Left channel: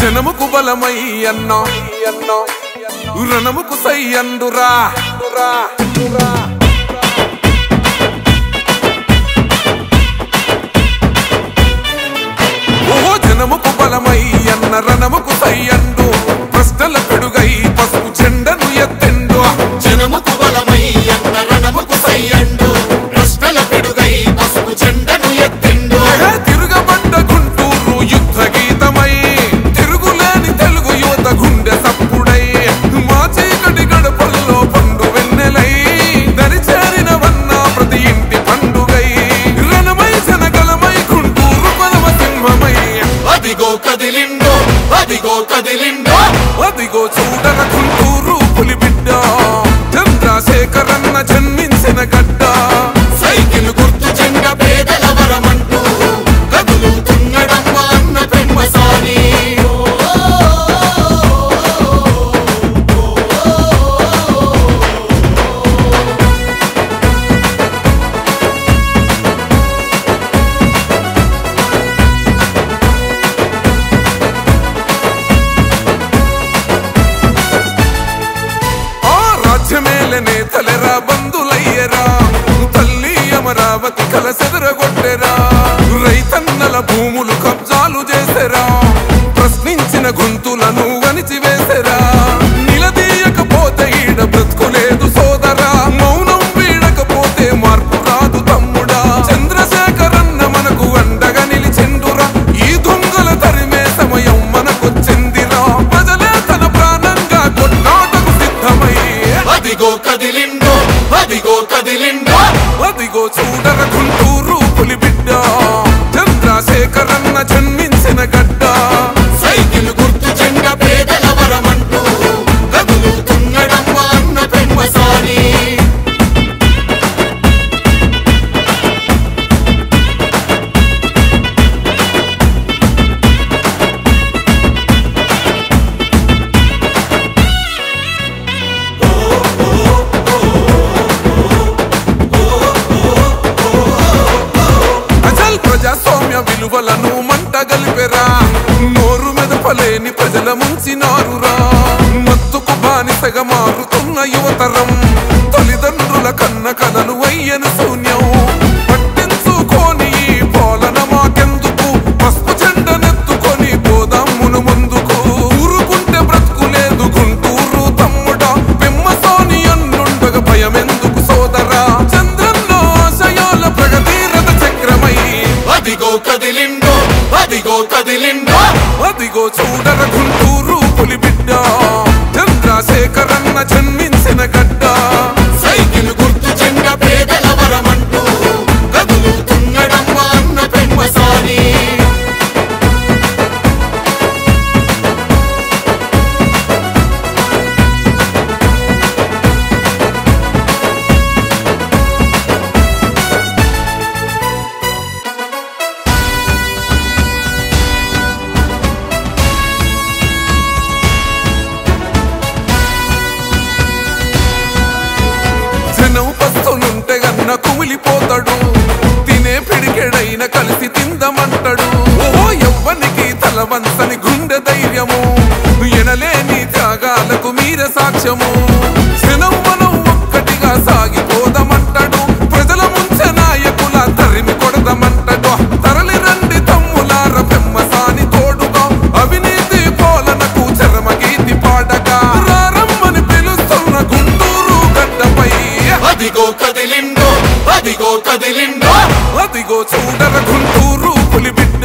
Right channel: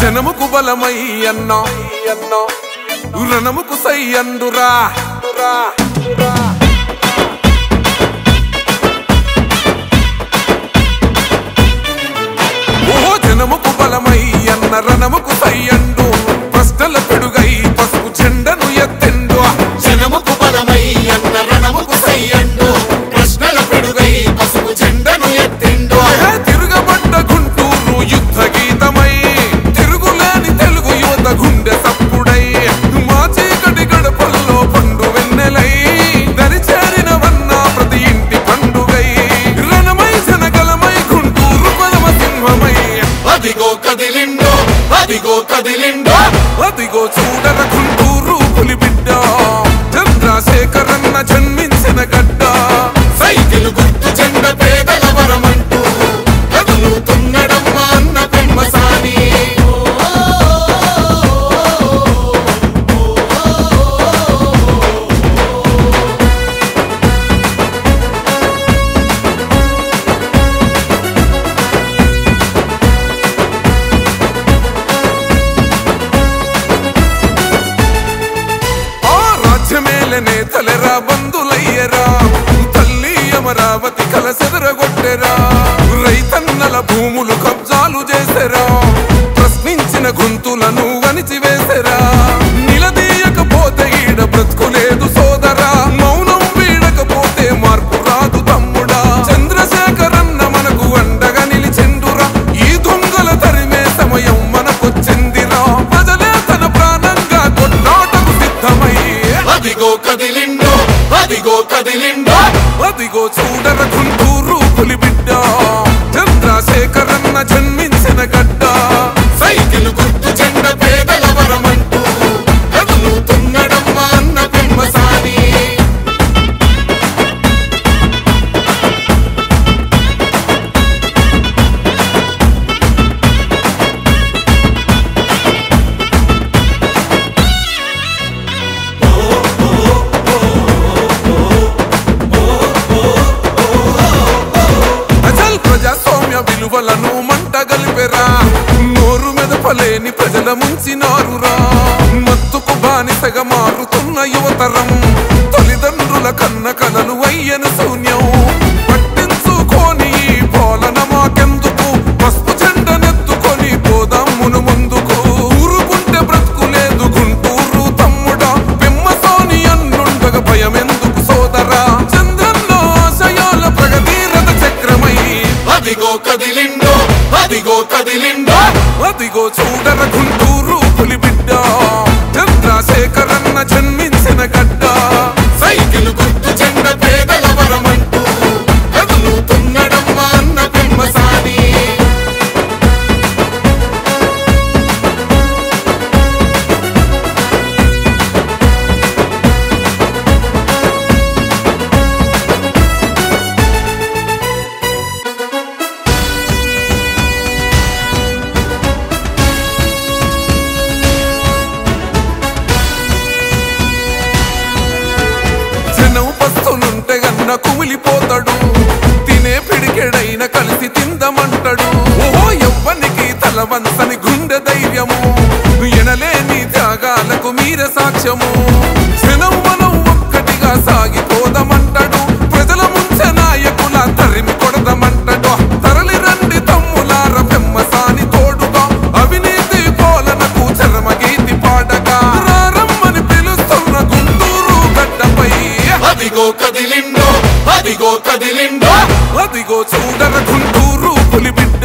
జనముకు బలమై అన్న రణముకు సై అందురా ఓహో జనముకు బలమై అన్న రణముకు సై అండు ప్రశ్నల పెడుగై పసుపు జెండను ఎత్తెండు జనముకు బలమై అన్న రణముకు సై అండు ప్రశ్నల పెడుగై పసుపు జెండను ఎత్తెండు తిరుగబడ్డ గుంటూరు యుద్ధ గీతమై తిరుగులేని తెలుగు యువత గుండె సప్పుడై మా చీకటి గడపల్లో పండు వెన్నెలై దరిచేరినవన్న ప్రతి ఇంటి పండుగై రణమై జనగలమై గుంటూరు పదమ సింహమై అదిగో కదిలిండో అదిగో కదిలిండో అదిగో చూడర గుంటూరు పులిబిడ్డ చంద్రశేఖరన్న జన్మించిన గడ్డ సైకిల్ గుర్తు చెండ పేదల వరమంటూ కదులుతున్నడమ్మ అన్న పెమ్మసాని రాజ్యమేలనే తలెరా బంధులయ్యరా తల్లి అమరావతి కలసెదరగొట్టెరా రైతన్నల భూములు కబ్జాలు చేసెరా ప్రశ్నించిన గొంతులను వణిచివేసెరా నిలదీయకపోతే ఈడ బ్రతుకులేదు సోదరా మౌనం వీడకపోతే మార్పు రాదు తమ్ముడా చంద్రశేఖరన్న మనకు అండగా నిలిచెండురా ఈ దొంగల తరిమే సమయం మనకొచ్చిందిరా ప్రజలే తన ప్రాణంగా కొట్లాటకు సిద్ధమై అదిగో కదిలిండో అదిగో కదిలిండో అదిగో చూడర గుంటూరు పులిబిడ్డ చంద్రశేఖరన్న జన్మించిన గడ్డ సైకిల్ గుర్తు చెండ పేదల వరమంటూ కదులుతున్నడమ్మ అన్న పెమ్మసాని ప్రజాస్వామ్య విలువలను మంట గలిపెరా నోరు మెదపలేని ప్రజల ముంచినారురా మత్తుకు బానిసగా మారుతున్న యువతరం తల్లిదండ్రుల కన్న కలలు అయ్యను శూన్యం పట్టించుకోని ఈ పాలన మాకెందుకు పసుపు జెండనెత్తుకొని పోదాం మును ముందుకు ఊరుకుంటే బ్రతుకులేదు గుంటూరు తమ్ముడా పెమ్మసాని అన్నుండగా భయమెందుకు సోదరా చంద్రన్న ఆశయాల ప్రగతి రథ చక్రమై అదిగో కదిలిండో అదిగో కదిలిండో అదిగో చూడర గుంటూరు పులిబిడ్డ చంద్రశేఖరన్న జన్మించిన గడ్డ సైకిల్ గుర్తు చెండ పేదల వరమంటూ కదులుతున్నడమ్మ అన్న పెమ్మసాని జనం పస్తులుంటే గన్న కుమిలిపోతాడు తినే పిడికెడైన కలిసి తిందమంటాడు ఓహో ఎవ్వనికి తల వంచని గుండె ధైర్యము ఎనలేని త్యాగాలకు మీర సాక్ష్యము జనం మనం ఒక్కటిగా సాగిపోదామంటాడు ప్రజల ముంచె నాయకుల తరిమి కొడదామంటాడు తరలి రండి తమ్ములార పెమ్మసాని తోడుగా అవినీతి పాలనకు చరమగీతి పాడగా రారమ్మని పిలుస్తున్న గుంటూరు గడ్డపై అదిగో కదిలిండో అదిగో కదిలిండో అదిగో చూడర గుంటూరు పులిబిడ్డ